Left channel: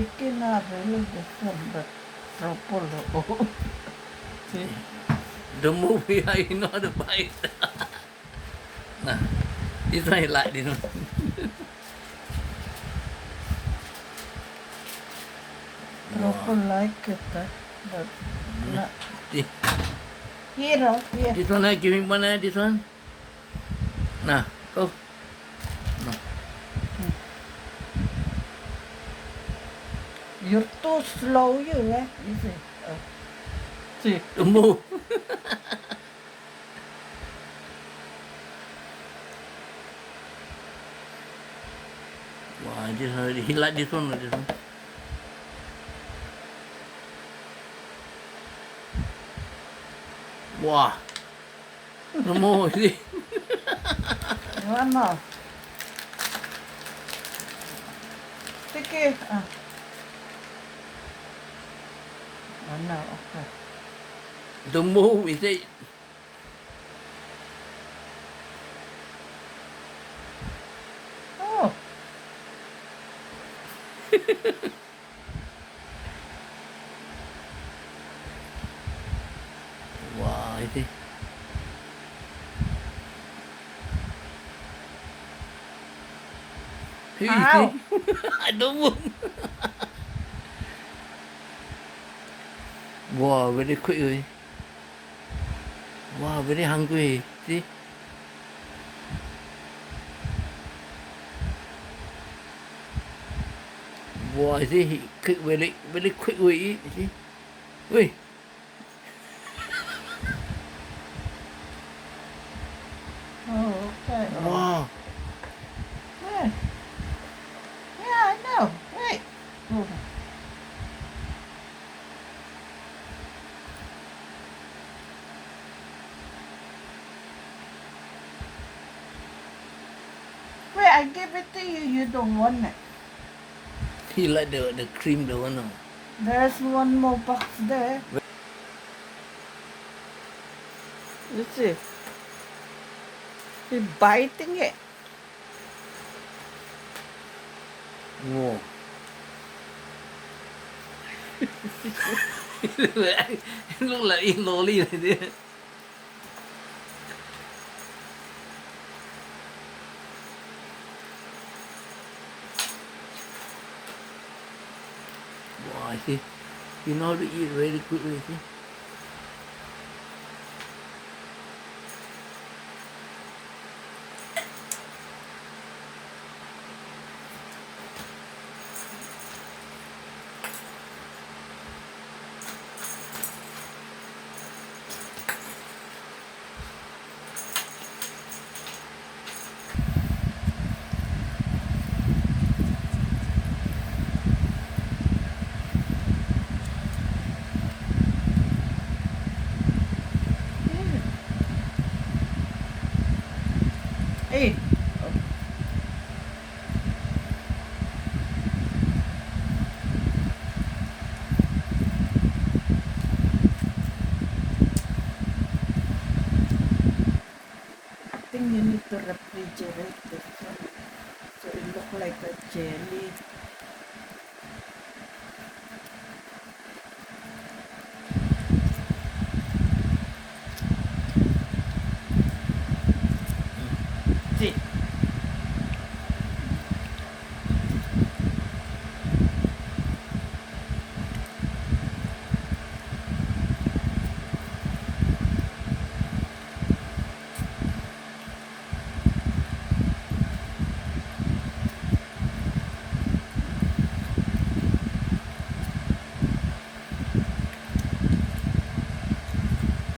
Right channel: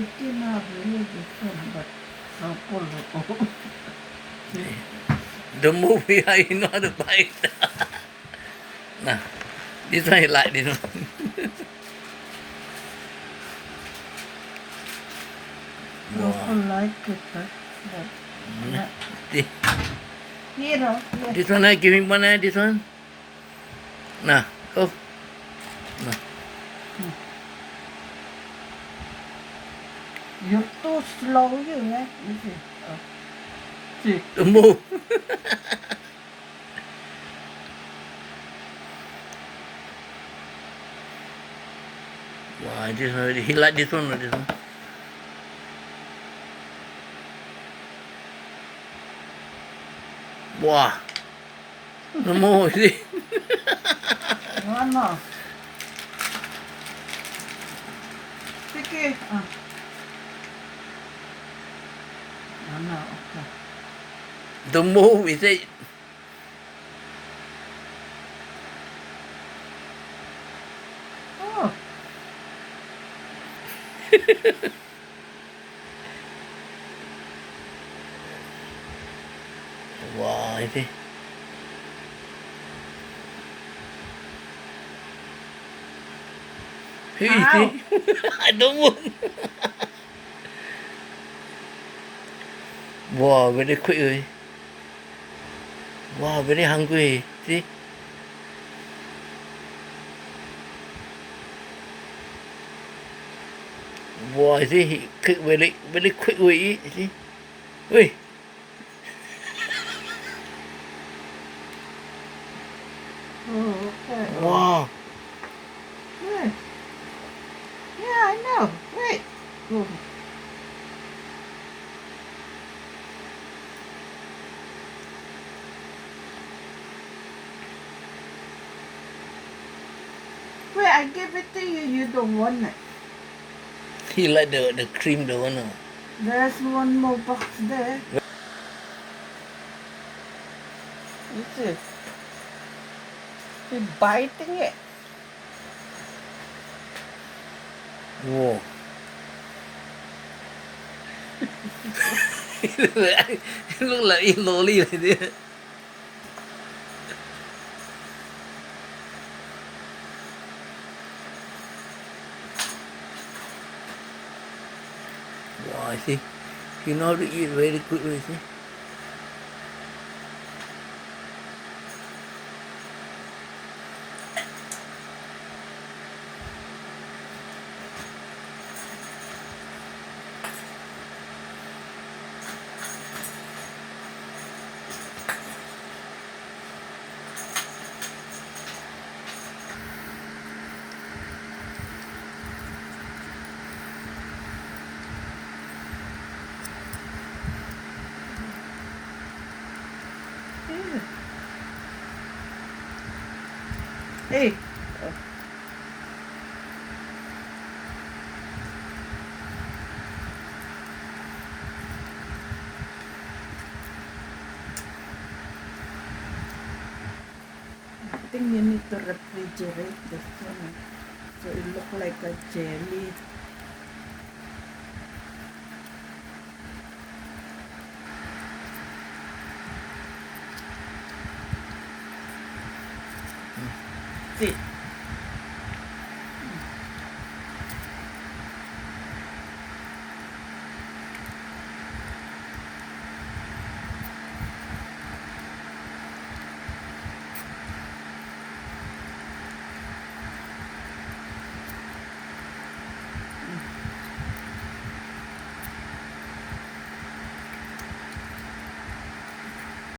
It's not really different, but purple. See? The movie, I know how to buy it. Nah, this one I like this one. Purple Wow. like it, but not. This, Here, here. this one I give him one, this one. Nah, go. Nah. You're too slow, you, yeah? You see? Oh. See? The move. Wow, this one, he like this one or this one? Wow. The more, see? One more. Sige. One more, okay. The move, is it? Oh. Wow, is it? Hey, Ow. see? I don't move. Wow, very quick. Wow, very hungry. See? Wow, see? He quick, very quick we eat. See? Wait. Oh, okay. Wow. Hey. Yeah, I know. Wait. Oh. Wait, I give it to you. You don't want it. He like the cream, the one. There's one more box there. You see? He's biting it. Wow. It look like eat lolly like this. Wow, I see. You know how to eat very quickly, see? Hey. I think you need to refrigerate this one so it look like a jelly.